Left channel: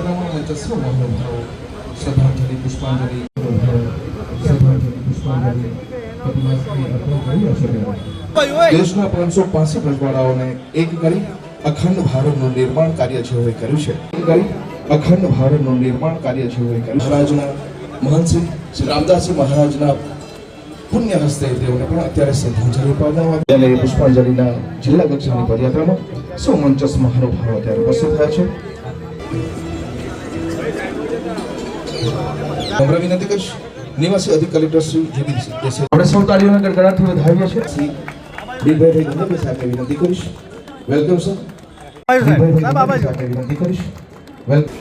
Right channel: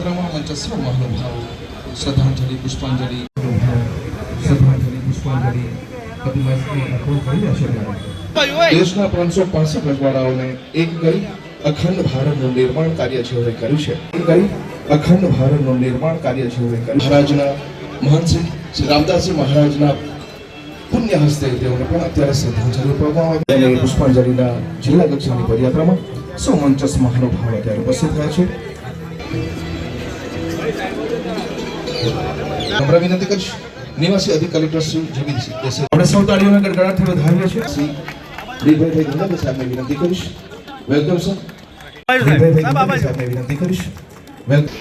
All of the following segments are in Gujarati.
પ્રમાણ મંચસ્વ મહાનુભાવો શ્રદ્ધાંજલિ પુષ્પાંજલિ શ્રદ્ધાંજલિ પુષ્પાંજલિ કરી હશે દેશના પાંચસો પાસઠ રજવાડાઓને એક કરી અખંડ ભારતનું નિર્માણ કાર્ય જેઓએ કર્યું છે. અખંડ ભારતનું નિર્માણ કાર્ય જેઓએ કર્યું મહારાજના મહંત શ્રી રામદાસજી મહારાજના પુણ્ય હસ્તે તેઓને પણ અત્યારે શ્રદ્ધાંજલિ પાડવામાં અને પુષ્પાંજલિના જિલ્લા કક્ષાની પદયાત્રામાં સૌ મહાનુભાવો અત્યારે ઉપસ્થિત થયા છે. વિનંતી કરીશ. નિવાસી અધિક કલેક્ટર શ્રી જેબી આપણે સૌ તાળીઓને ગણગણાથી વધાવીએ છીએ. દિલભાઈ ગંગાભાઈ સાહેબને વિનંતી કરીશ. વેલકમ સર વિનંતી કરીશ વેલકમ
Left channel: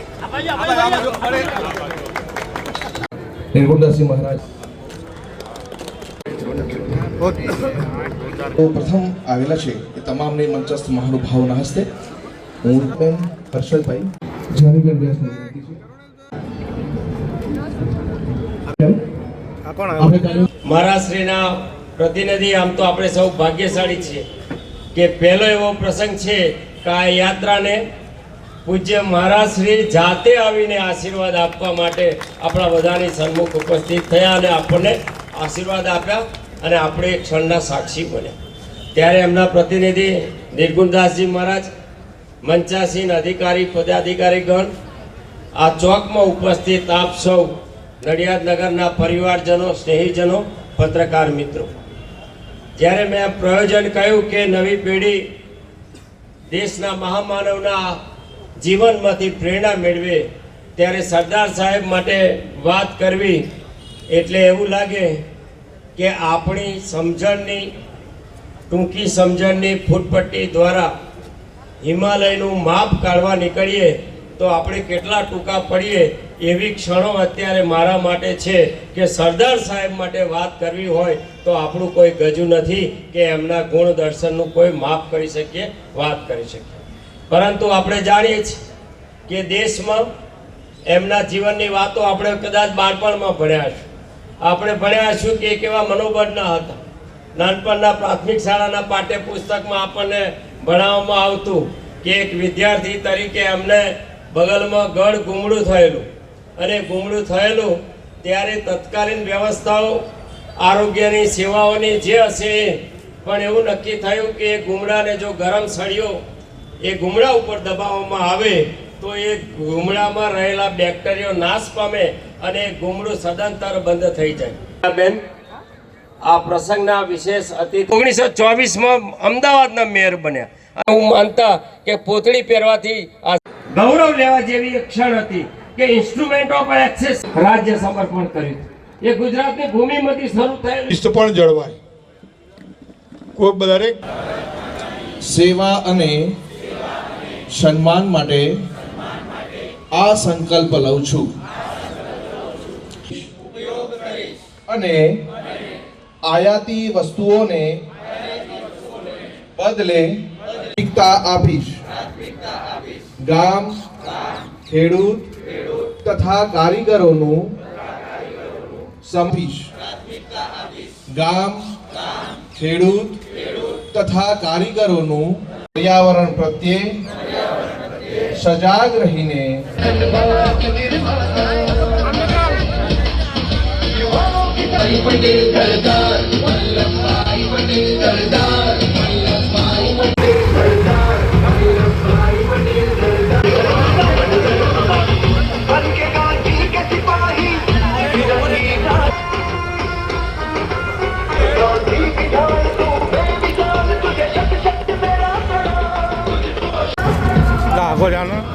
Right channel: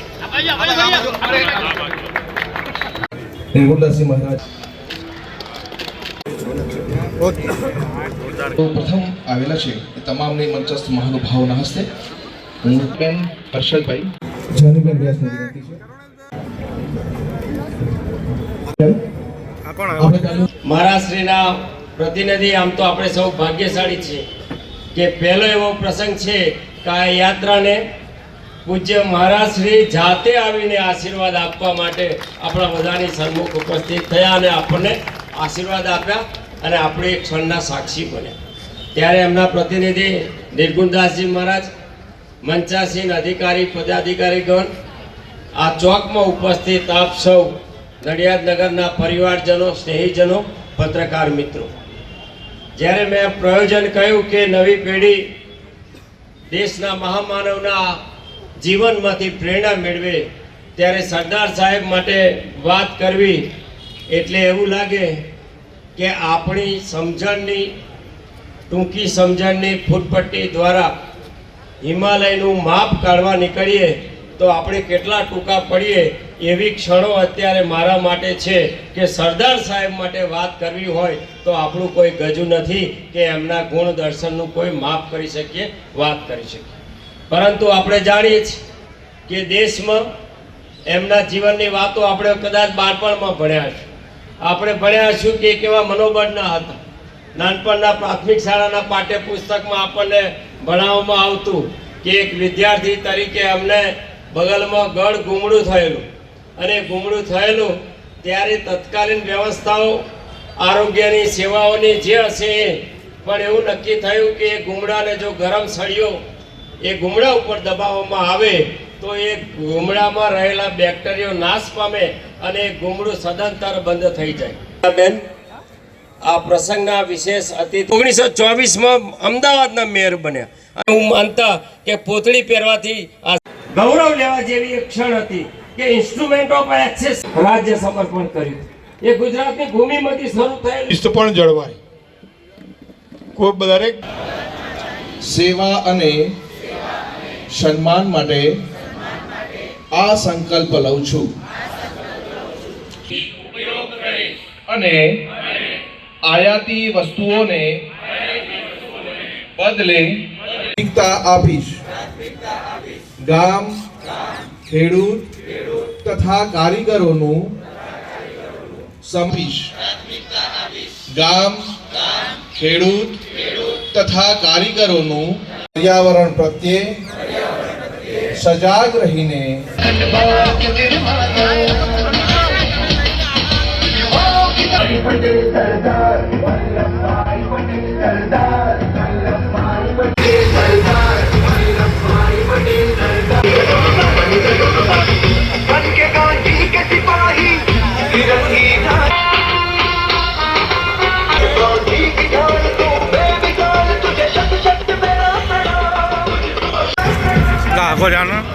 આવેલા છે એ તમામને તાળીઓ પ્રતિનિધિ આમ તો આપણે સૌ ભાગ્યશાળી છીએ. કે પહેલો એવો પ્રસંગ છે કે આ યાત્રાને પૂજ્ય મહારાજશ્રી જાતે આવીને આશીર્વાદ આપવા માટે આપણા બધાની સન્મુખ ઉપસ્થિત થયા અને આપણને આશીર્વાદ આપ્યા અને આપણે એક ક્ષણના સાક્ષી બન્યા. ત્યારે એમના પ્રતિનિધિ નિર્ગુણદાસજી મહારાજ મંચાસીન અધિકારી પદાધિકારીગણ આ ચોકમાં ઉપસ્થિત આપ સૌ નડિયાદ પરિવારજનો, સ્નેહીજનો, પત્રકાર મિત્રો. જ્યારે મેં પ્રયોજન કહ્યું કે નવી પેઢી દેશના મહામાનવના જીવનમાંથી પ્રેરણા મેળવે, ત્યારે સરદાર સાહેબ માટે વાત કરવી એટલે એવું લાગે કે આપણી સમજણની, ટૂંકી સમજણની ફૂટપટ્ટી દ્વારા હિમાલયનું માપ કાઢવા નીકળીએ તો આપણે કેટલા ટૂંકા પડીએ એવી ક્ષણો અત્યારે મારા માટે છે કે સરદાર સાહેબ માટે વાત કરવી હોય તો આપણું કોઈ ગજુ નથી કે એમના ગુણ દર્શનનું કોઈ માફ કરી શકીએ, વાત કરી શકીએ. પરંતુ આપણે જાણીએ છીએ કે દેશમાં એમના જીવનની વાતો આપણે કદાચ બાળપણમાં ભણ્યા છું આપણે ભણ્યા છું કે કેવા મનોબળના હતા. નાનપણના પ્રાથમિક શાળાના પાઠ્યપુસ્તકમાં આપણને ભણાવવામાં આવતું કે એક વિદ્યાર્થી તરીકે અમને બગલમાં ગળ ગુમડું થયેલું. અને ગુમડું થયેલું ત્યારે તત્કાલીન વ્યવસ્થાઓ આરોગ્યની સેવાઓની જે હશે એ પણ એવું નક્કી થયું કે એ ગુમડાને જો ગરમ સળિયો એ ગુમડા ઉપર દબાવવામાં આવે તો એ ગુમડામાં રહેલા બેક્ટેરિયો નાશ પામે અને ગુમડું સદંતર બંધ થઈ જાય. બેન. આ પ્રસંગના વિશેષ અતિથિ ઓગણીસો ચોવીસમાં અમદાવાદના મેયર બન્યા. હું માનતા કે પોતળી પહેરવાથી આ ગૌરવ લેવા જેવી એક ક્ષણ હતી. કે ઇન્સ્ટ્રુમેન્ટ ઓફ એક્સેસ રાજ્ય સમર્પણ કર્યું. એ ગુજરાતની ભૂમિમાંથી શરૂ થયેલ પણ જળવાય. ખૂબ દરેક સેવા અને સન્માન માટે આ સંકલ્પ લઉં છું. અને આયાતી વસ્તુઓને બદલે આપીશ. ગામ, ખેડૂત તથા કારીગરોનું સંપીશ. ગામ, ખેડૂત તથા કારીગરોનું પર્યાવરણ પ્રત્યે સજાગ રહીને પટેલ સરદાર વલ્લભભાઈ પટેલ સરદાર 多少呢？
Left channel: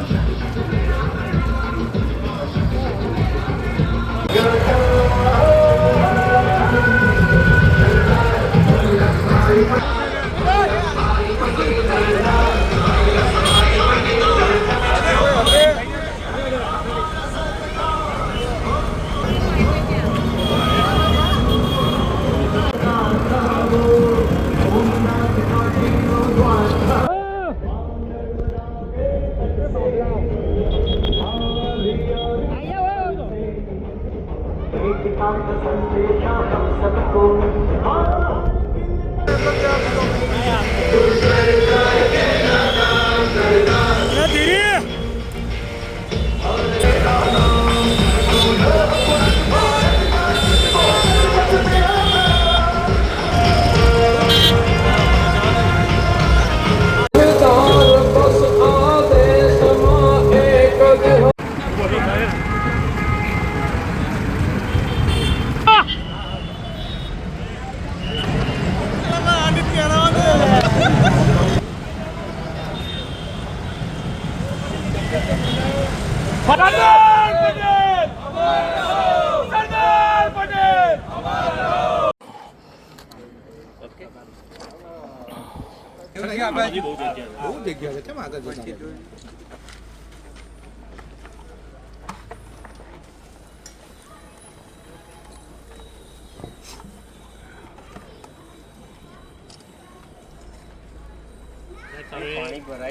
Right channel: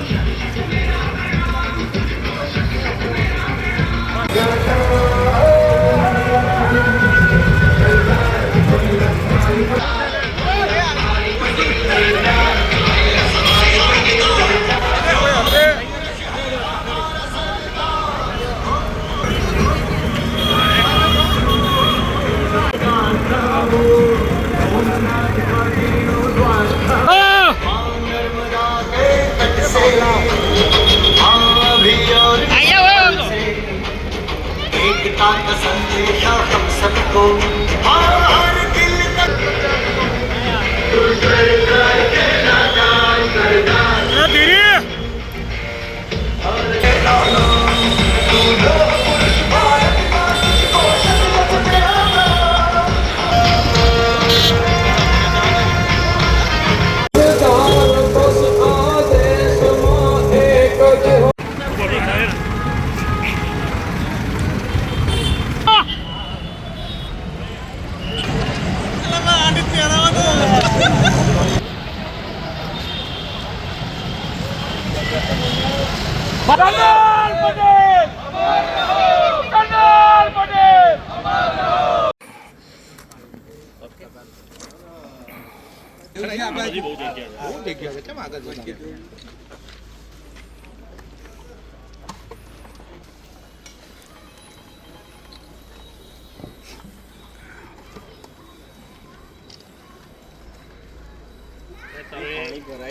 തിരിയേ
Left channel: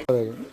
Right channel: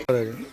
नंबर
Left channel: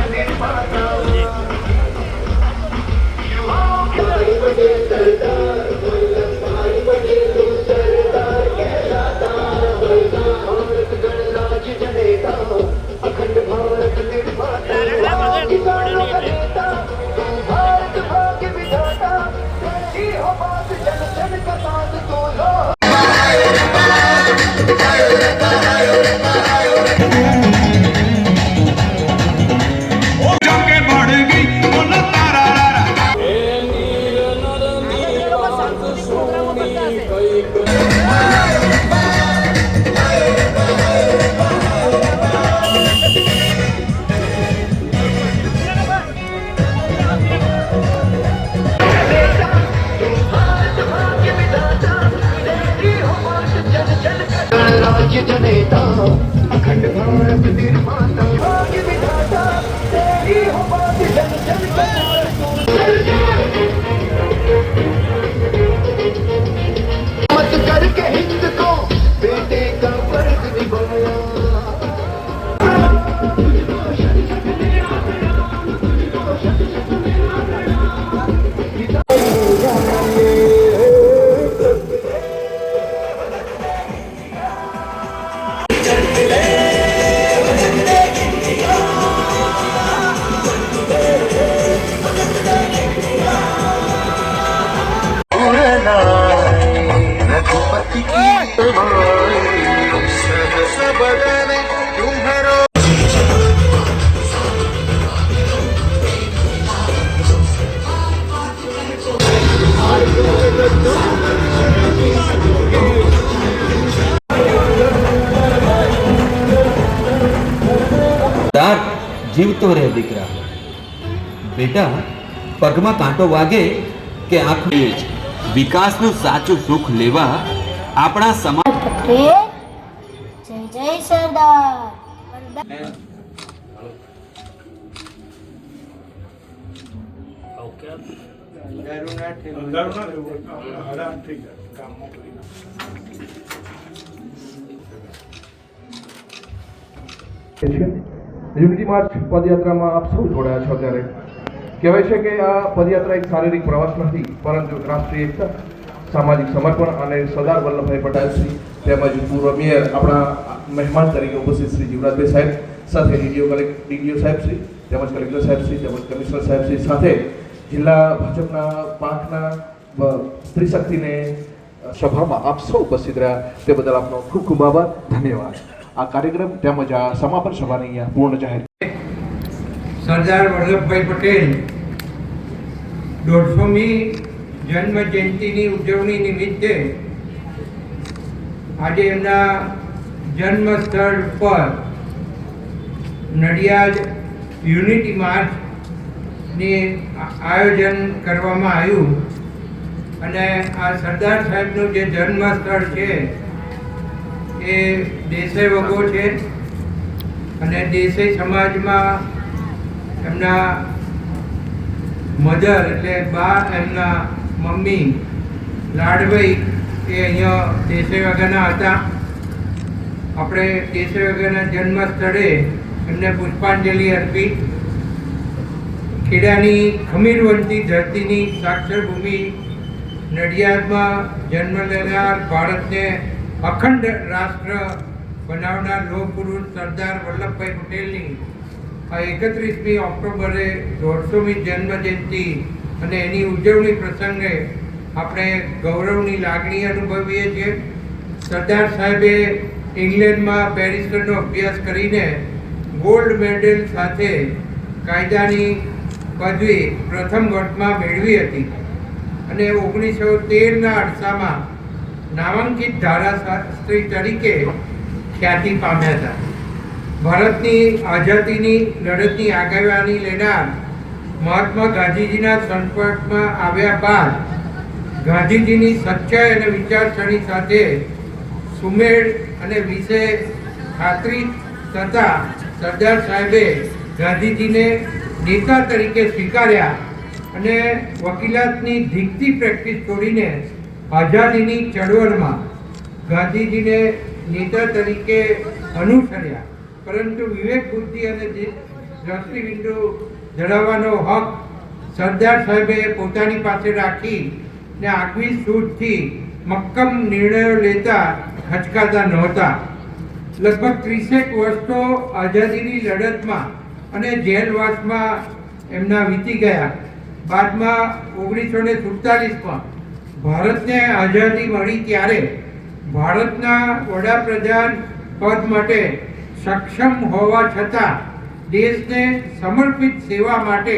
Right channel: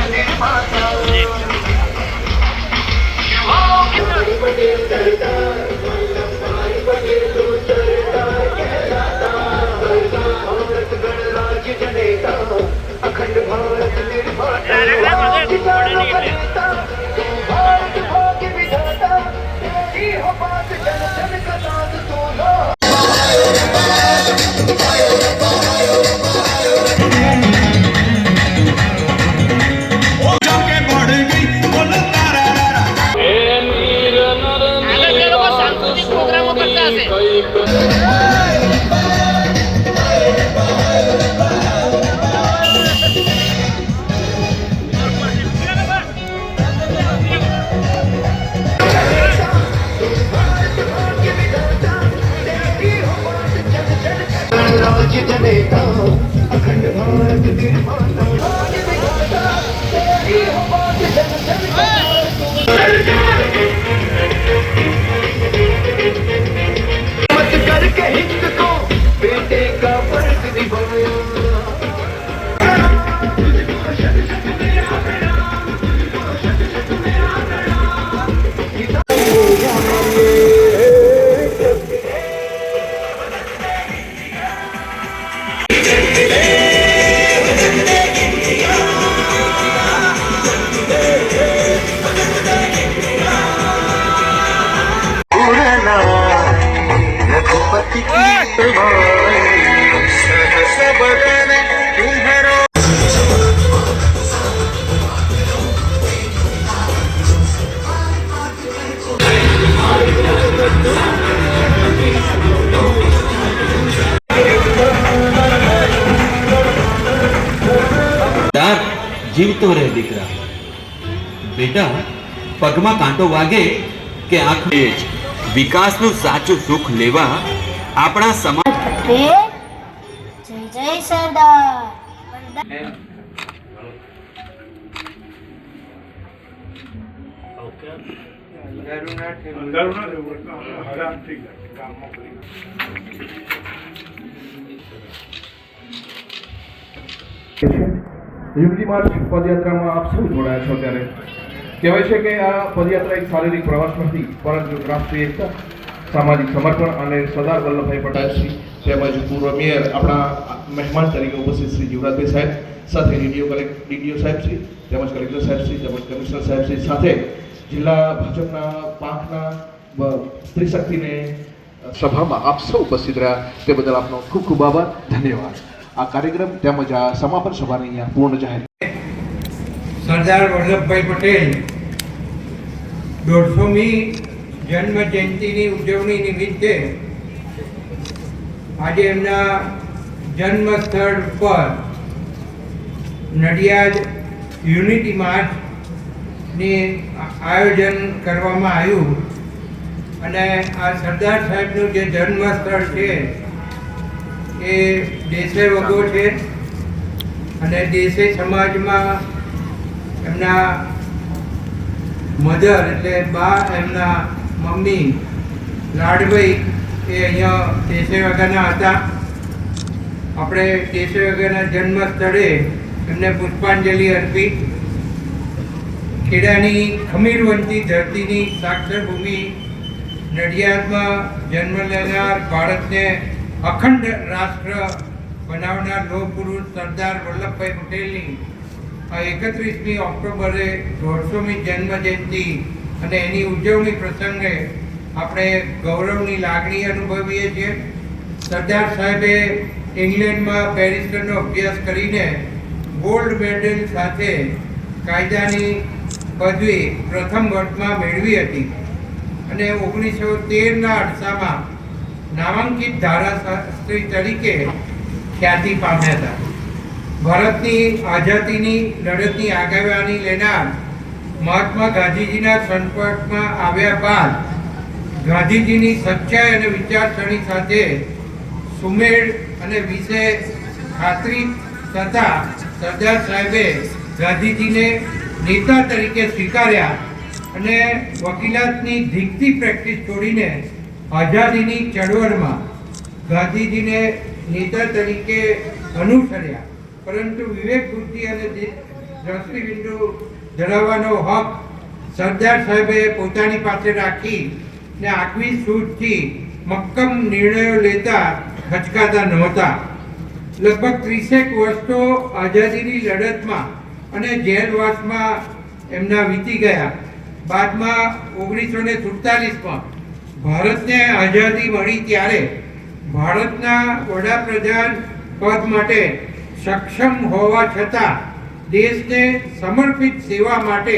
राज्य जनेता अखंड भारत निर्माता रघुपति की माई सब सब बने तुम्हारा દાર જીવતો રહે દીકરા બેટા પગમાં કાંટો વાગે કે આંખ એ જ વિકાસનું સાચું સુખ લેવા આપણા સમાજ જય જય સરદાર. યુનિટી માર્ચ પદયાત્રામાં આપ સૌ જોડાયા છો ત્યારે કહેવાય છે કે આ પદયાત્રા એક શારીરિક પ્રવાસ નથી પરંતુ રાષ્ટ્રીય એકતા. સામાજિક સમર્પણ અને સરદાર વલ્લભભાઈ પટેલશ્રી તેમજ પૂર્વ મેયર આપણા મહેમાન તરીકે ઉપસ્થિત શ્રી જીવરાજભાઈ સાહેબ સાથે ડીડીઓ કલેક્ટ ડીડીઓ સાહેબશ્રી તેમજ કલેક્ટર સાહેબશ્રી તેમજ કમિશનર સાહેબશ્રી સાથે જિલ્લા ભાજપના પાંખના સ્ત્રીશક્તિને સભામાં આપ સૌ ઉપસ્થિત રહ્યા તે બદલ આપનો ખૂબ ખૂબ આભાર, ધન્યવાદ. આ કાર્યક્રમ તેમજ આ સમાપન સભાને અહીંયા પૂર્ણ જાહેર સરદાર વલ્લભભાઈ પટેલ દોઢસોમી જન્મ જયંતિની ઉજવણી નિમિત્તે આજે એમના જન્મ સ્થળ પર નડિયાદ યુનિટી માર્ચની આયોજન કરવામાં આવ્યું અને આ સરદાર સાહેબનું જે જન્મ સ્થળ છે એ દેસાઈ વગો છે અને દેસાઈ સમાજમાં એમના મધર એટલે બા એમના મમ્મી, લાડભાઈ, એ અહીંયા દેસાઈ વગરના હતા. આપણે દેસાઈ વગરના જન્મ સ્થળે એમને પુષ્પાંજલિ અર્પી. ખેડાની ખમીરવંતી ધરતીની સાક્ષર ભૂમિ નડિયાદમાં જન્મ લેનાર ભારતને અખંડ રાષ્ટ્ર બનાવનાર લોકગુરુ સરદાર વલ્લભભાઈ પટેલની આ એકત્રીસમી ઓક્ટોબરે દોઢસોમી જન્મ જયંતિ અને એની ઉજવણી પ્રસંગે આપણે ગૌરવની લાગણી અનુભવીએ છીએ. સરદાર સાહેબે ઇંગ્લેન્ડમાં બેરિસ્ટરનો અભ્યાસ કરીને ગોલ્ડ મેડલ સાથે કાયદાની પદવી પ્રથમ વર્ષમાં મેળવી હતી અને ઓગણીસો તેરના અરસામાં નામાંકિત ધારાશાસ્ત્રી તરીકે ખ્યાતિ પામ્યા હતા. ભારતની આઝાદીની લડતની આગેવાની લેનાર મહાત્મા ગાંધીજીના સંપર્કમાં આવ્યા બાદ ગાંધીજીની સચ્ચાઈ અને વિચારસરણી સાથે સુમેળ અને વિશે ખાતરી થતા સરદાર સાહેબે ગાંધીજીને નેતા તરીકે સ્વીકાર્યા અને વકીલાતની ધીકતી પ્રેક્ટિસ છોડીને આઝાદીની ચળવળમાં ગાંધીજીને નેતા તરીકે અનુસર્યા. પરંતુ વિવેક બુદ્ધિ અને દ્રષ્ટિબિંદુ ધરાવવાનો હક સરદાર સાહેબે પોતાની પાસે રાખી ને આગવી સૂઝથી મક્કમ નિર્ણયો લેતા ખચકાતા નહોતા લગભગ ત્રીસેક વર્ષ તો આઝાદીની લડતમાં અને જેલવાસમાં એમના વીતી ગયા. બાદમાં ઓગણીસો ને સુડતાલીસમાં ભારતને આઝાદી મળી ત્યારે ભારતના વડાપ્રધાન પદ માટે સક્ષમ હોવા છતાં દેશને સમર્પિત સેવા માટે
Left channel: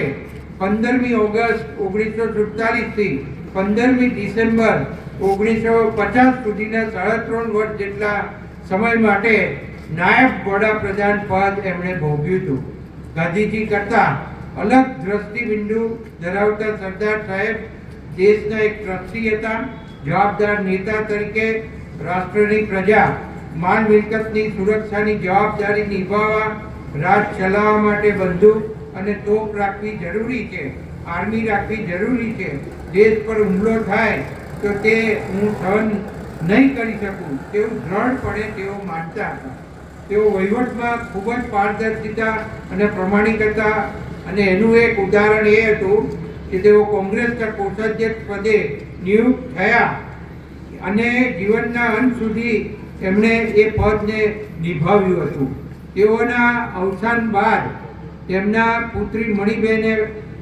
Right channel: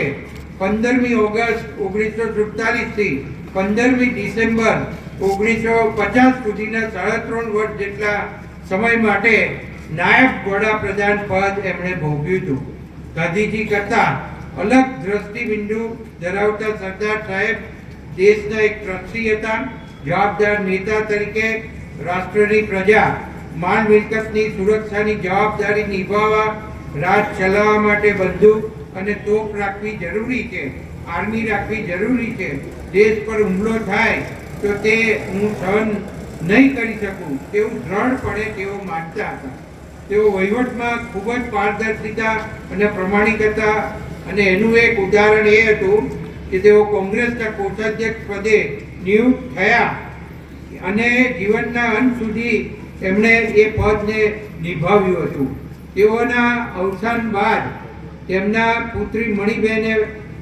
પંદરમી ઓગસ્ટ ઓગણીસો સુડતાલીસથી પંદરમી ડિસેમ્બર ઓગણીસો પચાસ સુધીના સાડા વર્ષ જેટલા સમય માટે નાયબ વડાપ્રધાન પદ એમણે ભોગ્યું હતું. ગાંધીજી કરતા અલગ દ્રષ્ટિબિંદુ ધરાવતા સરદાર સાહેબ દેશના એક ટ્રસ્ટી હતા, જવાબદાર નેતા તરીકે રાષ્ટ્રની પ્રજા માલ મિલકતની સુરક્ષાની જવાબદારી નિભાવવા રાજ ચલાવવા માટે બંદૂક અને તોપ રાખવી જરૂરી છે, આર્મી રાખવી જરૂરી છે. દેશ પર હુમલો થાય તો તે હું સહન નહીં કરી શકું, તેવું દ્રઢપણે તેઓ માનતા હતા. તેઓ વહીવટમાં ખૂબ જ પારદર્શિતા અને પ્રમાણિકતા અને એનું એક ઉદાહરણ એ હતું કે તેઓ કોંગ્રેસના કોષાધ્યક્ષ પદે નિયુક્ત થયા અને જીવનના અંત સુધી એમણે એ પદને નિભાવ્યું હતું. તેઓના અવસાન બાદ તેમના પુત્રી મણિબેને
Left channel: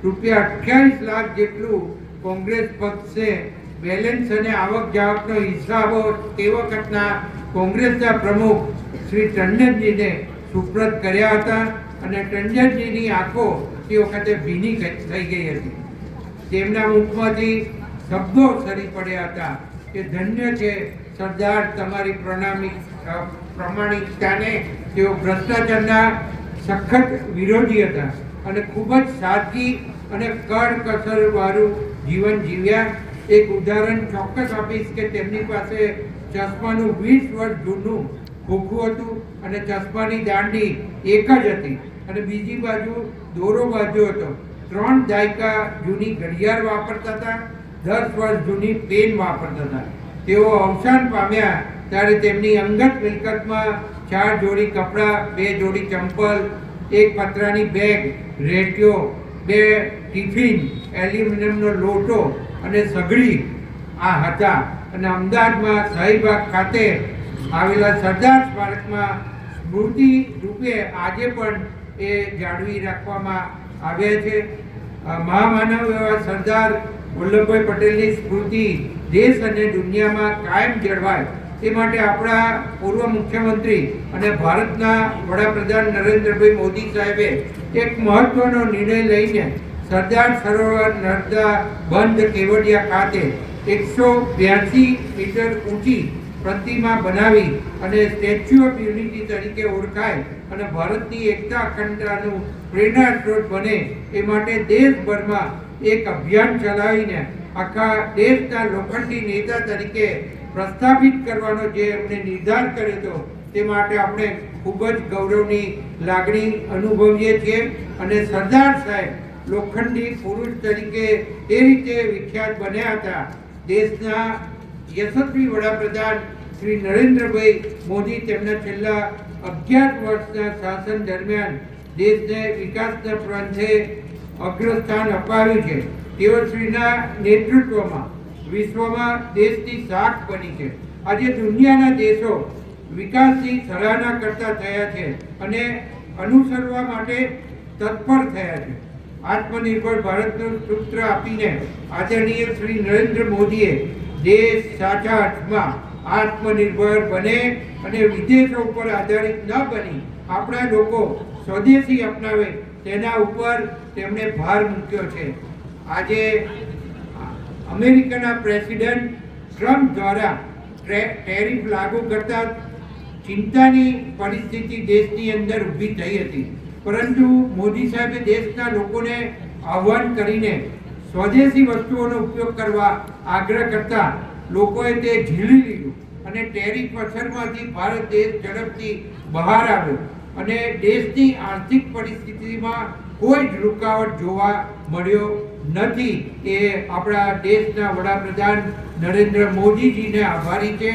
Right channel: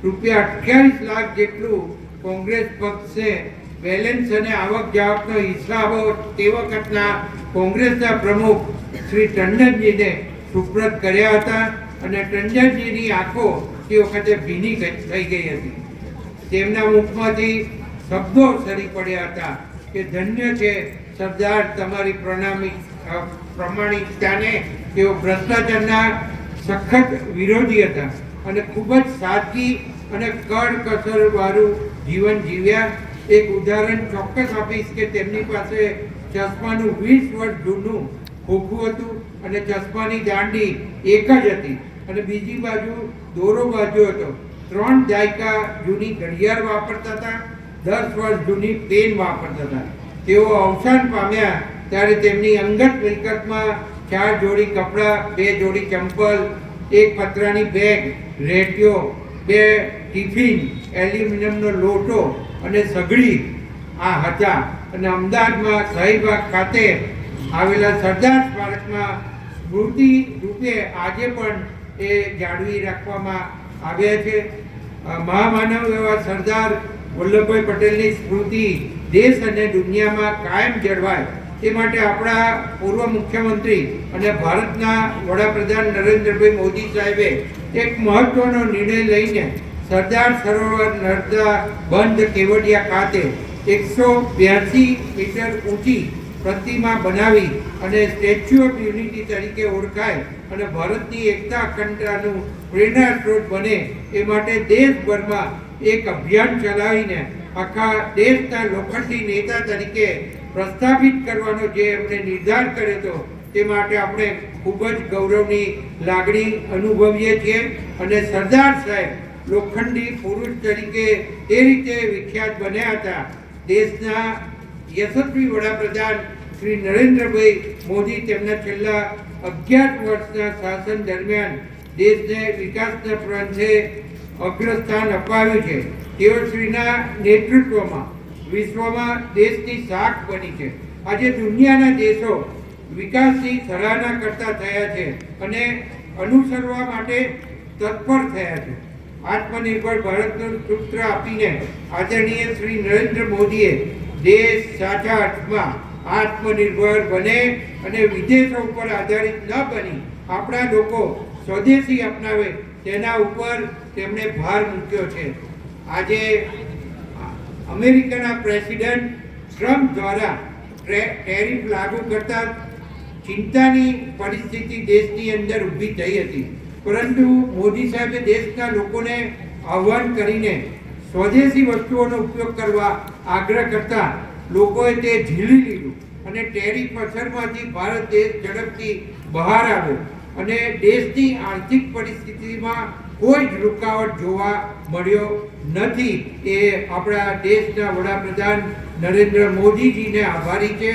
રૂપિયા અઠ્યાવીસ લાખ જેટલું કોંગ્રેસ પક્ષે બેલેન્સ અને આવક જાવકનો હિસાબો તે વખતના કોંગ્રેસના પ્રમુખ શ્રી ટંડનજીને સુપ્રત કર્યા હતા અને ટંડનજીની આંખો તે વખતે ભીની થઈ ગઈ હતી. તેમના મુખમાંથી શબ્દો સરી પડ્યા હતા કે ધન્ય છે સરદાર તમારી પ્રણામી પ્રમાણિકતાને તેઓ ભ્રષ્ટાચારના સખત વિરોધી હતા અને ખૂબ જ સાદગી અને કડકસરવાળું વાળું જીવન જીવ્યા. એક ઉદાહરણ ચોક્કસ આપીશ કે તેમની પાસે ચશ્માનું વીસ વર્ષ જૂનું ખોખું હતું અને ચશ્માની દાંડી એક જ હતી. અને બીજી બાજુ દોરો બાજુ હતો. ત્રણ દાયકા જૂની ઘડિયાળ વાપરતા હતા, દસ વર્ષ જૂની પેન વાપરતા હતા. તેઓ અવસાન પામ્યા ત્યારે તેમની અંગત મિલકતમાં ચાર જોડી કપડાં, બે જોડી ચંપલ, એક પતરાની બેગ રેટિયો, બે ટિફિન, એલ્યુમિનિયમનો લોટો અને સગડી આ હતા. અને અમદાવાદમાં શાહીબાગ ખાતે આવેલા સરદાર સ્મારકમાં સ્મૃતિ રૂપે આજે પણ એ જાળવી રાખવામાં આવ્યા છે. મહામાનવ એવા સરદાર વલ્લભભાઈ પટેલની સ્મૃતિ દેશ અને દુનિયામાં કાયમ જળવાય. તે માટે આપણા પૂર્વ મુખ્યમંત્રી અને ભારતના વડાપ્રધાન નરેન્દ્રભાઈ મોદી સાહેબે એક મહત્વનો નિર્ણય લઈને સરદાર સરોવર નર્મદા બંધ કેવડિયા ખાતે એકસો બ્યાસી મીટર ઊંચી પ્રતિમા બનાવી અને સ્ટેચ્યુ ઓફ યુનિટી તરીકે ઓળખાય અને ભારતની એકતા અખંડતાનું પ્રેરણા સ્ત્રોત બને એ માટે દેશભરમાં એક અભિયાન ચલાવીને આખા દેશના લોખંડી નેતા તરીકે પ્રસ્થાપિત કરવાનો જે એમને નિર્ધાર કર્યો હતો તે માટે આપણે ખૂબ જ ગૌરવની લાગણી અનુભવીએ છીએ. અને સરદાર સાહેબ લોખંડી પુરુષ તરીકે એ રીતે વિખ્યાત બન્યા હતા. દેશના યશસ્વી વડાપ્રધાન શ્રી નરેન્દ્રભાઈ મોદી તેમના છેલ્લા અગિયાર વર્ષના શાસન દરમિયાન દેશને વિકાસના પ્રાંતે અગ્રસ્થાન અપાવ્યું છે. તેઓ શ્રીના નેતૃત્વમાં વિશ્વમાં દેશની શાખ બની છે. આજે દુનિયાના દેશો વિકાસની સરાહના કરતા થયા છે અને અનુસરવા માટે તત્પર થયા છે. આત્મનિર્ભર ભારતનું સૂત્ર આપીને આદરણીય શ્રી નરેન્દ્ર મોદીએ દેશ સાચા અર્થમાં આત્મનિર્ભર બને અને વિદેશો ઉપર આધારિત ન બની, આપણા લોકો સ્વદેશી અપનાવે, તેના ઉપર તેમણે ભાર મૂક્યો છે. આજે અમેરિકાના પ્રેસિડેન્ટ ટ્રમ્પ દ્વારા ટ્રે- ટેરિફ લાગુ કરતા ચિંતાની પરિસ્થિતિ દેશની અંદર ઊભી થઈ હતી. પરંતુ મોદી સાહેબે દેશના લોકોને આહવાન કરીને સ્વદેશી વસ્તુઓનો ઉપયોગ કરવા આગ્રહ કરતા લોકોએ તે ઝીલી લીધું અને ટેરિફ અસરમાંથી ભારત દેશ ઝડપથી બહાર આવ્યો અને દેશની આર્થિક પરિસ્થિતિમાં કોઈ જ રૂકાવટ જોવા મળ્યો નથી. એ આપણા દેશના વડાપ્રધાન નરેન્દ્ર મોદીજીને આભારી છે.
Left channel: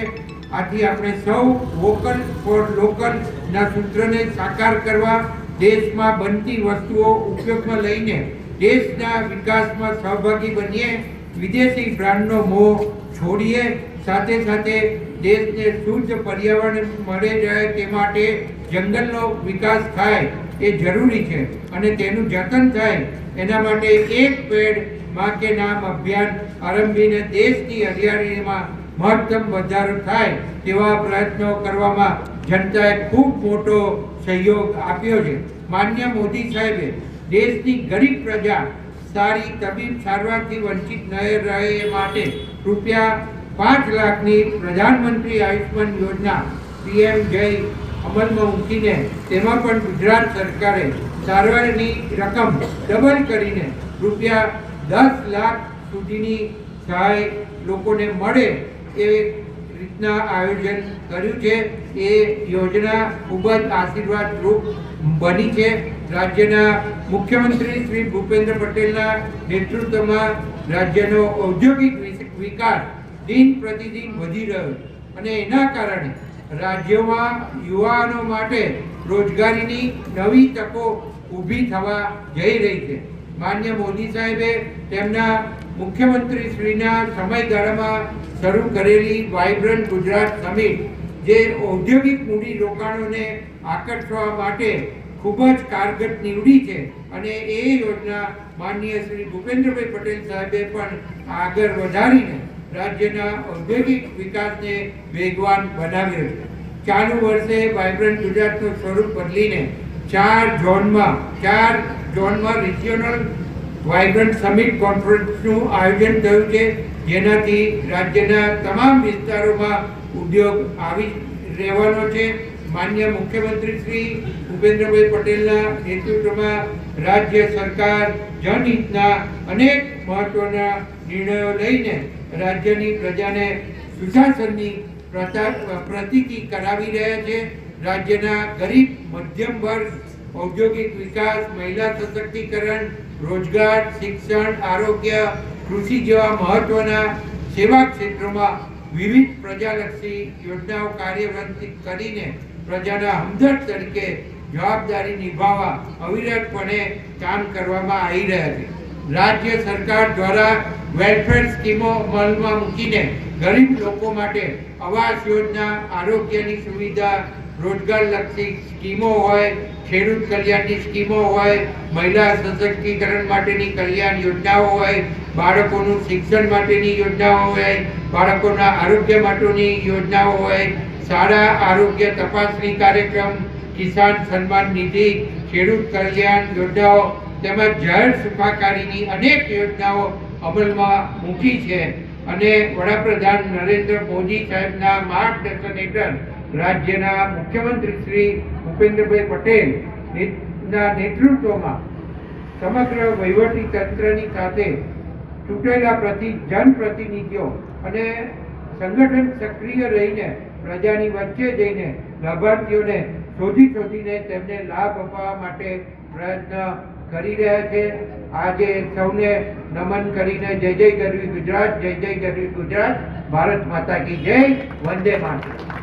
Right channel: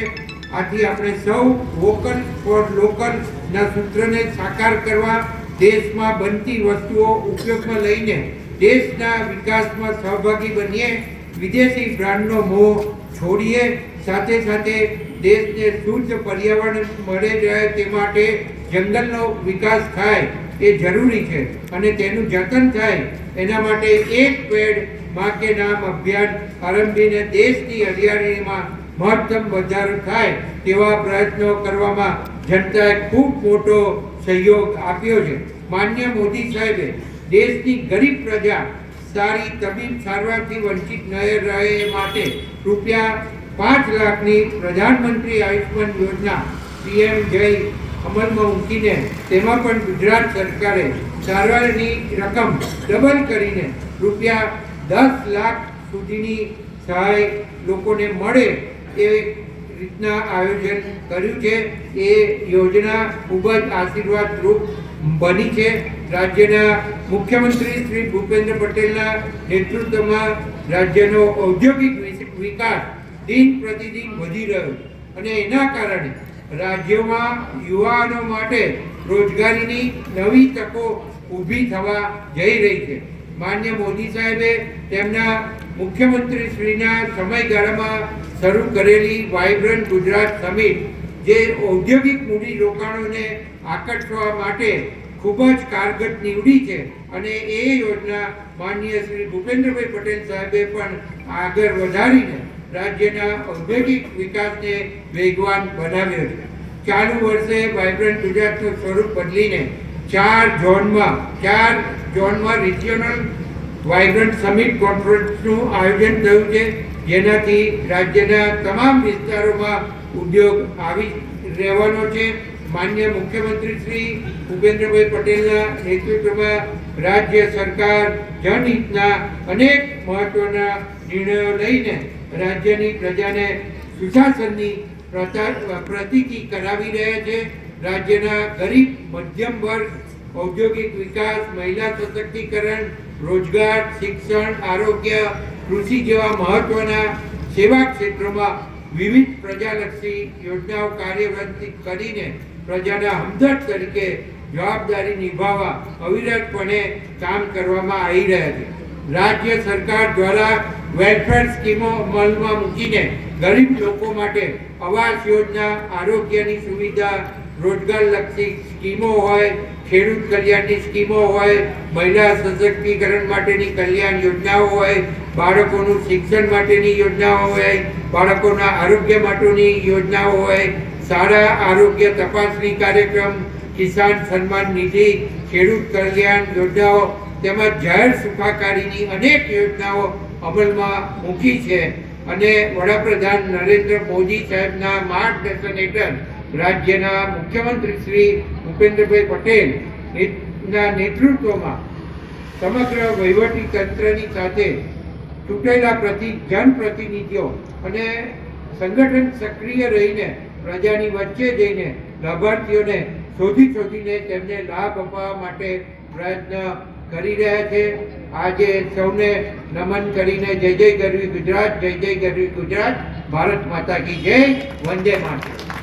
આથી આપણે સૌ વોકલ ફોર લોકલના સૂત્રને સાકાર કરવા દેશમાં બનતી વસ્તુઓ ઉપયોગમાં લઈને દેશના વિકાસમાં સહભાગી બનીએ, વિદેશી બ્રાન્ડનો મોહ છોડીએ, સાથે સાથે દેશને શુદ્ધ પર્યાવરણ મળે રહે તે માટે જંગલનો વિકાસ થાય એ જરૂરી છે અને તેનું જતન થાય એના માટે એક પેડમાં નામ અભિયાન આરંભીને દેશની હરિયાળીમાં મહત્તમ વધારો થાય તેવા પ્રયત્નો કરવામાં જનતાએ ખૂબ મોટો સહયોગ આપ્યો છે. માન્ય મોદી સાહેબે દેશની ગરીબ પ્રજા સારી તબીબ સારવારથી વંચિત ન રહે એ માટે રૂપિયા પાંચ લાખની પ્રધાનમંત્રી આયુષ્માન યોજના પીએમ જય અમલમાં મૂકીને તેમાં પણ ગુજરાત સરકારે સારવારની રકમ ડબલ કરીને રૂપિયા દસ લાખ સુધીની સહાય લોકોને મળે એ રીતના આયોજન કર્યું છે. એ યોજના ખૂબ જ આશીર્વાદરૂપ બની છે. રાજ્યના મુખ્યમંત્રી શ્રી ભૂપેન્દ્ર પટેલના નેતૃત્વમાં રાજ્યનો ઔદ્યોગિક વિકાસ દિન પ્રતિદિન વધી રહ્યો અને એના કારણે રાજ્યમાં યુવાનો માટે રોજગારીની નવી તકો ઊભી થવા જઈ રહી છે. માન્ય મોદી સાહેબે તેમના મુખ્યમંત્રી શ્રીના સમયગાળામાં શરૂ કરેલી વાઇબ્રન્ટ ગુજરાત સમિટ, જે ઔદ્યોગિક મૂડી રોકાણોને આકર્ષવા માટે ખૂબ જ કારગર નીવડી છે અને એ યોજના માનનીય શ્રી ભૂપેન્દ્રભાઈ પટેલ સાહેબે પણ આગળ વધારીને રાજ્યના ઔદ્યોગિક વિકાસને વેગવાન બનાવ્યો છે. ચાલુ વર્ષે વાઇબ્રન્ટ ગુજરાતનું સ્વરૂપ બદલીને ચાર ઝોનમાં ચાર ઝોનમાં રિજિયોનલ વાઇબ્રન્ટ સમિટ કોન્ફરન્સનું આયોજન થયું છે, જેનાથી રાજ્યના તમામ વિસ્તારોમાં ઉદ્યોગ આવી રહેવાનો છે. માન્ય મુખ્યમંત્રી શ્રી ભૂપેન્દ્રભાઈ પટેલના નેતૃત્વમાં રાજ્ય સરકાર જનહિતના અનેક મહત્વના નિર્ણયો લઈને રાજ્યની પ્રજાને સુશાસનની પ્રતિકી કરાવી રહ્યા છે. રાજ્યના ગરીબ, મધ્યમ વર્ગ, ઔદ્યોગિક વિકાસ, મહિલા સશક્તિકરણ, રોજગાર, શિક્ષણ, આરોગ્ય, કૃષિ જેવા મહત્વના સેવા ક્ષેત્રોમાં વિવિધ પ્રજાલક્ષી યોજનાઓ કાર્યરત કરીને પ્રજાના હમદર્દ તરીકે જવાબદારી નિભાવવા અવિરતપણે કામ કરવામાં આવી રહ્યા છે. રાજ્ય સરકાર દ્વારા વેલફેર સ્કીમો અમલમાં મૂકીને ગરીબ લોકો માટે આવાસ યોજના, આરોગ્યની સુવિધા રોજગારલક્ષી સ્કીમો હોય, ખેડૂત કલ્યાણની સ્કીમો હોય, મહિલા સશક્તિકરણ માટેની કલ્યાણ યોજનાઓ હોય, બાળકોનું શિક્ષણ માટેની યોજનાઓ હોય, બાળકોના આરોગ્ય માટેની યોજનાઓ હોય શાળા આરોગ્ય તપાસણી કાર્યક્રમ, કિસાન સન્માન નિધિ, ખેડૂત કલ્યાણ યોજનાઓ તેમજ જાહેર સુખાકારીની અનેક યોજનાઓ અમલમાં મૂકી છે. અને વડાપ્રધાન નરેન્દ્ર મોદી સાહેબના માર્ગદર્શન હેઠળ રાજ્યના મુખ્યમંત્રી શ્રી ભૂપેન્દ્રભાઈ પટેલ ના નેતૃત્વમાં સમગ્ર વહીવટી તંત્રની સાથે ચૂંટેલા પ્રતિ, જનપ્રતિનિધિઓ અને સંગઠન સક્રિય રહીને, પ્રજાની વચ્ચે જઈને લાભાર્થીઓને શોધી શોધીને તેમને લાભ અપાવવા માટે પ્રયત્ન કરી રહ્યા છે. આજે સૌને નમન કરીને જય જય કરવી ગુજરાત, જય જય કરવી ગુજરાત. ભારત માતા કી જય. વંદે માતરમ.